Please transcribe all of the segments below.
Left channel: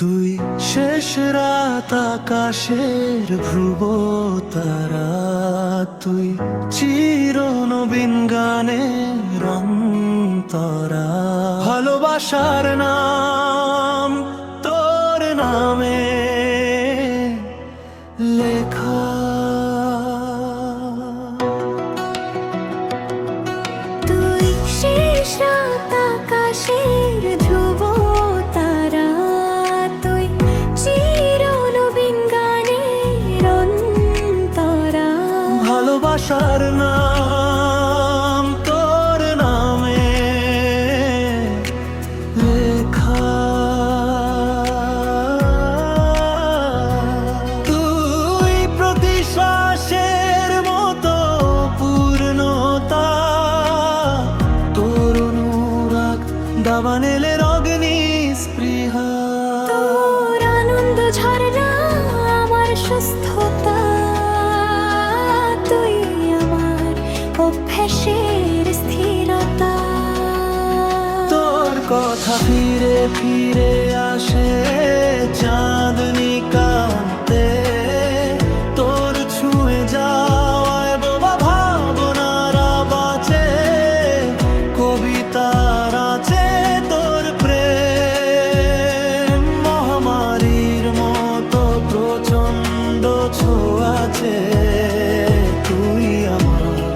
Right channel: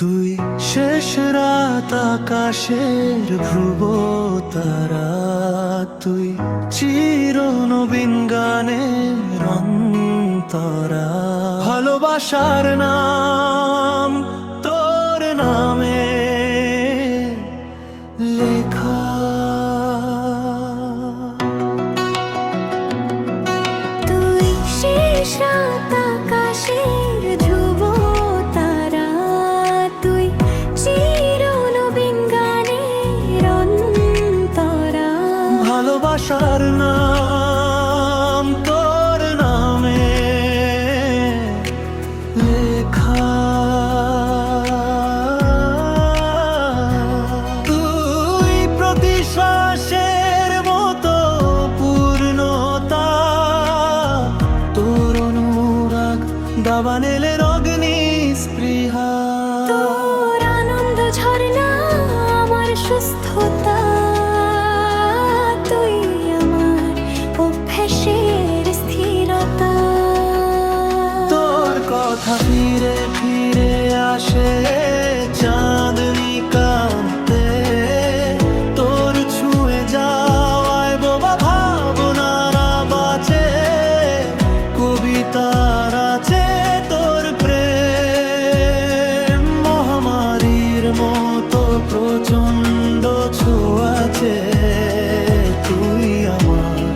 তুই শেষ রাত আকাশের ধ্রুব তারা, তুই চির নবীন গানের অন্তরা। ভালোবাসার নাম তোর নামে লেখা। তুই শেষ রাত আকাশের ধ্রুব তারা, তুই চির নবীন গানের অন্তরা। ভালোবাসার নাম তোর নামে লেখা। তুই প্রতি শ্বাসের মতো পূর্ণতা, তোর অনুরাগ দাবানেলের অগ্নি স্পৃহা। তোর আনন্দ ঝরনা আমার সুস্থতা, তুই আমার অভ্যাসের স্থিরতা। তোর কথা ফিরে ফিরে আসে চাঁদনি কান্তে, তোর ছুঁয়ে যাওয়ায় বোবা ভাবনারা বাঁচে। কবিতার আছে তোর প্রেম মহামারীর মতো প্রচণ্ড ছোঁয়াচে। তুই আমার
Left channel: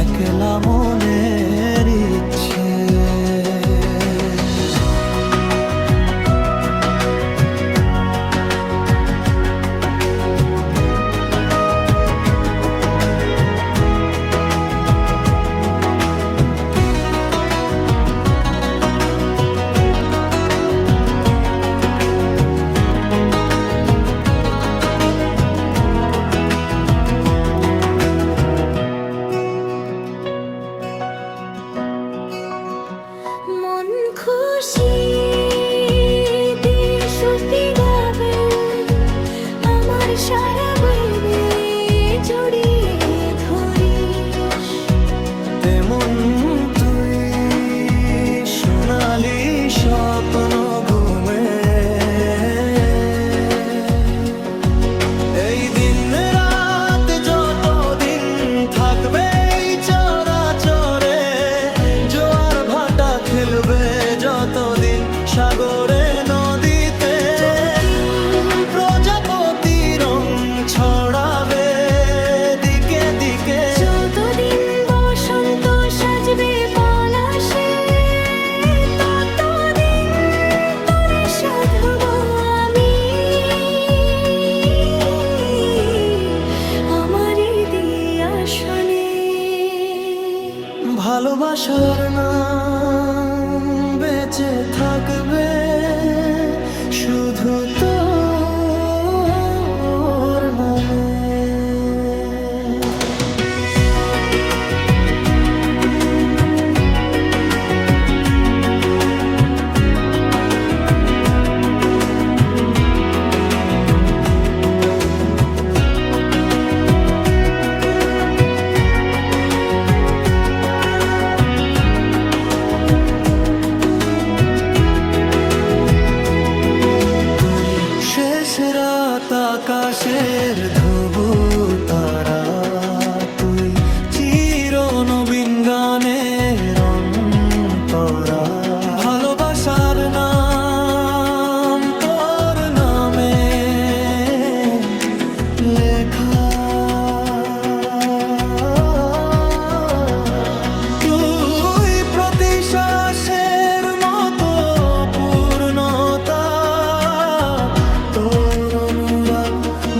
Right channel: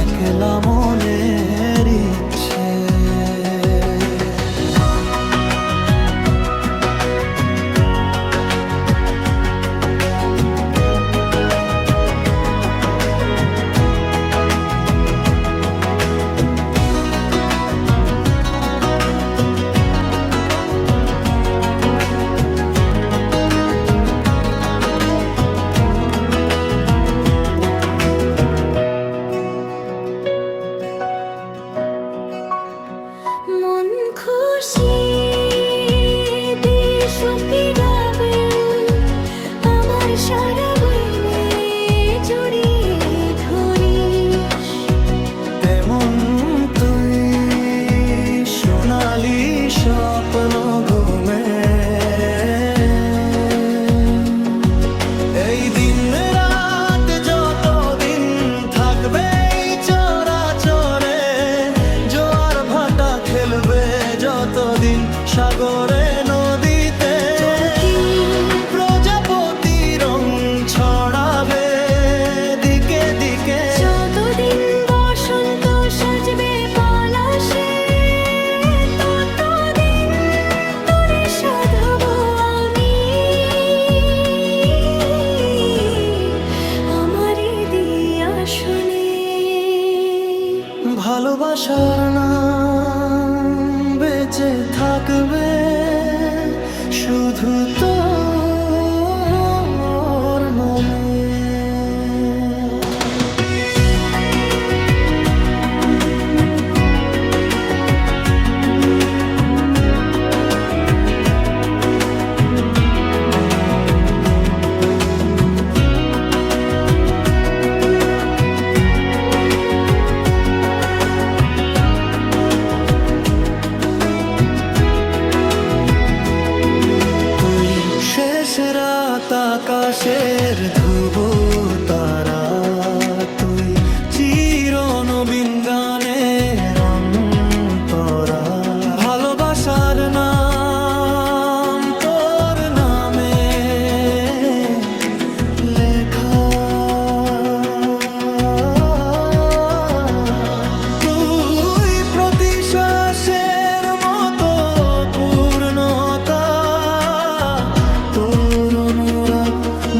একলা মনের ইচ্ছে। মন খুশি দিশ ফিরাবে আমার সারা বইবে জড়িয়ে ধরিস। তেমন তুই সোনালি স্বপ্ন ঘুমে। এই দিন রাত যতদিন থাকবে চরাচরে, জোয়ার ভাটা খেলবে যতদিন সাগরে নদীতে। প্রজাপতি রং ছড়াবে দিকে দিকে, যতদিন বসন্ত সাজবে পলাশে, ততদিন তোরে সাধব আমি আমারই দিয়া শোনে। ভালোবাসার নাম বেঁচে থাকবে শুধু তোর নামে। তুই শেষ রাত আকাশের ধ্রুব তারা, তুই চির নবীন গানের অন্তরা। ভালোবাসার নাম তোর নামে লেখা। তুই প্রতি শ্বাসের মতো পূর্ণতা, তোর অনুরাগ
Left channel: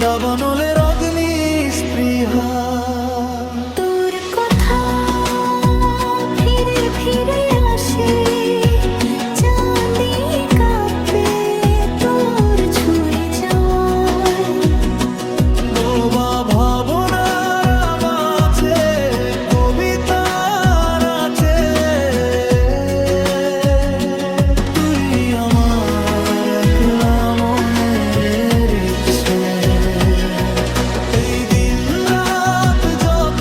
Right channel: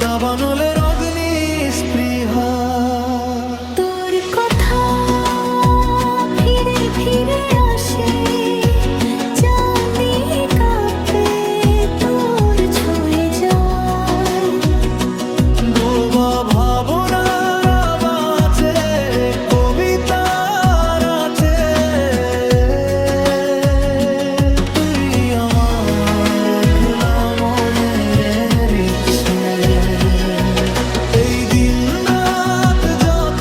দাবানলের অগ্নি স্পৃহা। তোর কথা ফিরে ফিরে আসে চাঁদি কাঁপে তোর ছুঁয়ে যাওয়ায়। বোবা ভাবনারা বাঁচে কবিতার আছে। তুই আমার একলা মনের ইচ্ছে। এই দিন রাত যত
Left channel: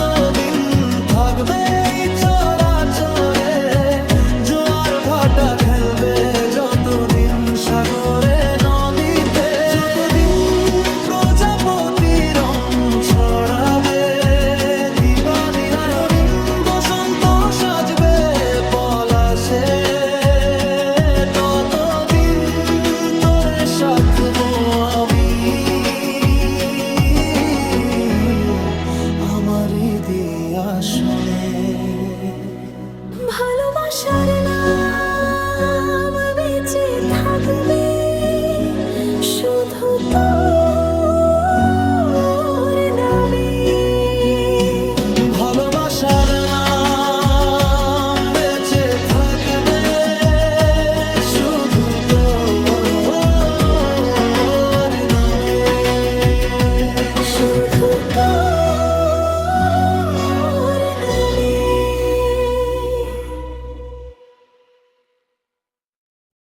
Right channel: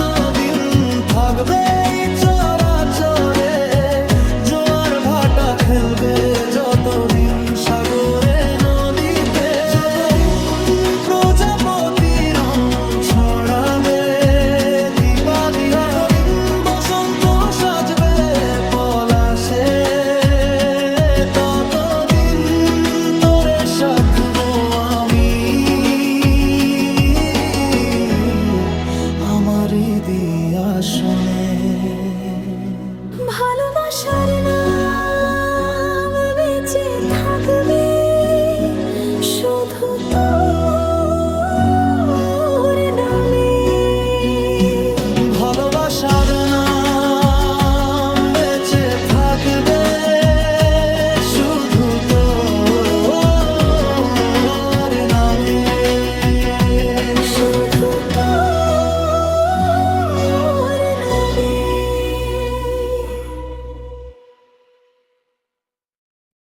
স্মৃতি আসনে। ভালোবাসার নাম বেঁচে থাকবে শুধু তোর নামে। ভালোবাসার নাম